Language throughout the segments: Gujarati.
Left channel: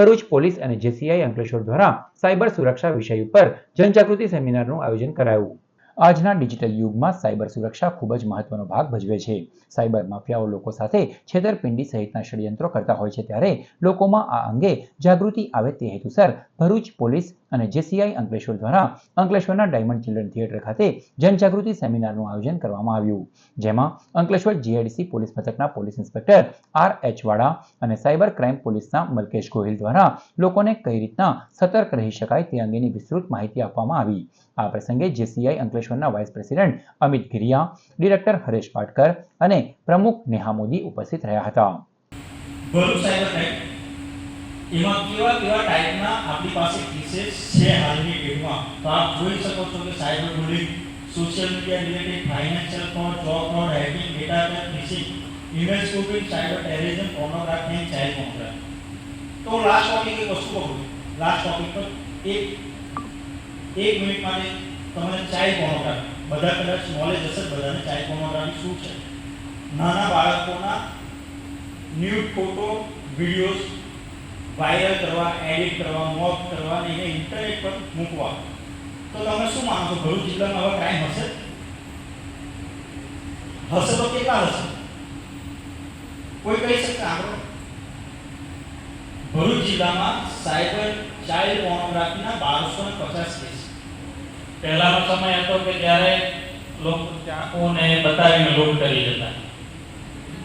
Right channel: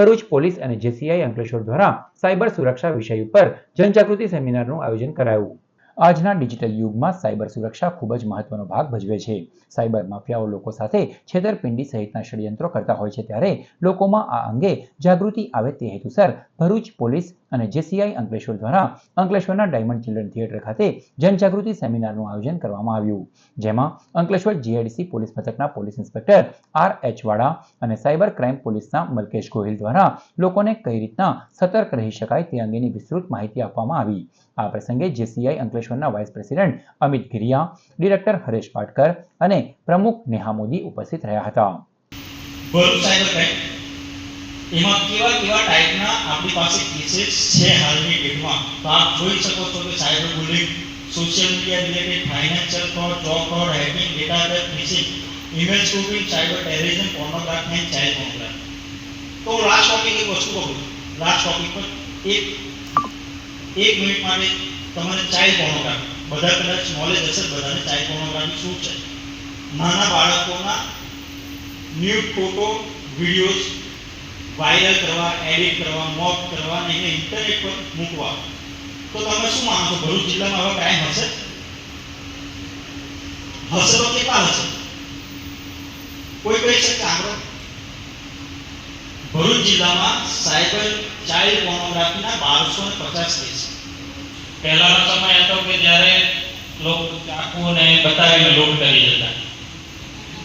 ભરૂચ પોલીસ અને જેસીઆઈ અંકલેશ્વર દ્વારા સાયબર સુરક્ષા વિષય ઉપર જનજાગૃતિ સેમિનારનું આયોજન કરાયું। આજના ડિજિટલ યુગમાં સાયબર સુરક્ષા ખૂબ જ મહત્વનો ભાગ ભજવે છે। સાયબર માફિયાઓ લોકો સાથે છેતરપિંડી સહિતના ષડયંત્રો કરતા હોય છે, ત્યારે લોકોમાં આ અંગે જાગૃતિ આવે તે હેતુસર ભરૂચ પોલીસ અને જેસીઆઈ અંકલેશ્વર દ્વારા અંકલેશ્વરના ડાયમંડ ચિલ્ડ્રન થિયેટર ખાતે જનજાગૃતિ સેમિનારનું આયોજન કરવામાં આવ્યું, જેમાં અંકલેશ્વર જીઆઈડીસી પોલીસ મથકના પોલીસ ઇન્સ્પેક્ટર આર.એચ. વાડા અને સાયબર ક્રાઇમ પોલીસના મલકેશ ગોહિલ દ્વારા લોકોને કઈ રીતના સતર્ક રહી શકાય તે અંગેની વિસ્તૃત માહિતી આપવામાં આવી। આ પ્રસંગે જેસીઆઈ અંકલેશ્વરના vice president Amit Giriya, director Haresh Patkar અને પ્રમુખ નેહા મોદી ઉપસ્થિત રહ્યા હતા। એમાં કેવા કેવા ટાઈપના આપણી પાસે કેसेस છે હાલની ડેટમાં, તો આપ જોઈ શકો છો કે cyber bullying, social media related, financial fraud, job fraud, hacking, data theft, phishing, email spoofing, cyber terrorism, pornography and child pornography. તો લાસ્ટ ટોપિક એક વસ્તુ કહું, લાસ્ટ ટોપિક પર એક મિનિટ માટે તમારે ચાઇલ્ડ પોર્નોગ્રાફી, બધા કદાચ નોલેજ હશે બધાને ચાઇલ્ડ પોર્નોગ્રાફી શું છે। નાના બાળકોના ન્યૂડ ફોટો, વિડીયોઝ વાયરલ કરવા, એડિટ કરવા, મોક કરવા અને એને ઇન્ટરનેટ પર મૂકવા। તો તમે શું માનો છો, ભરૂચ જિલ્લામાં હવે ક્રાઇમ હશે? હશે તો કેટલા હશે? કોઈ કહી શકે આંકડો? ભરૂચ જિલ્લામાં સાયબર ચાઇલ્ડ પોર્નોગ્રાફીના 1250 કેસ। પહેલાનો સમય હતો કે જ્યારે લોકો ચાકુને બતાવીને લૂંટ કરી જતા।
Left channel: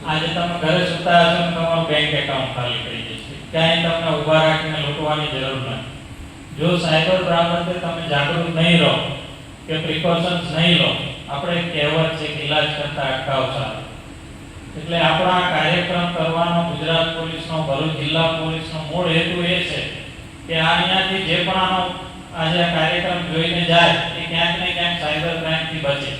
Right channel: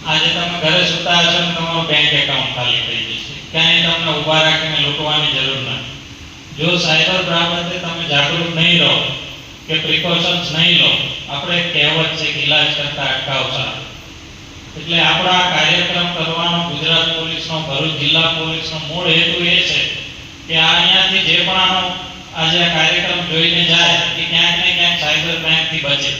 આજે તમે ઘરે સુતા હશો ને તમારું બેંક એકાઉન્ટ ખાલી થઈ જશે, ક્યાંય તમને ઊભા રાખીને લૂંટવાની જરૂર નથી। જો સાયબર બાબતે તમે જાગૃત નહીં રહો કે પ્રિકોશન્સ નહીં લો, આપણે કહેવત છે કે ઇલાજ કરતા અટકાવ સારો। એટલે આપણા કાર્યક્રમ કરવાનો ગુજરાત પોલીસનો, ભરૂચ જિલ્લા પોલીસનો મૂળ હેતુ એ છે કે અહીંયાથી જે પણ આજે આ કાર્યક્રમ જોઈને જાય એ ક્યાંક ને ક્યાંક સાયબર ક્રાઇમથી બચે।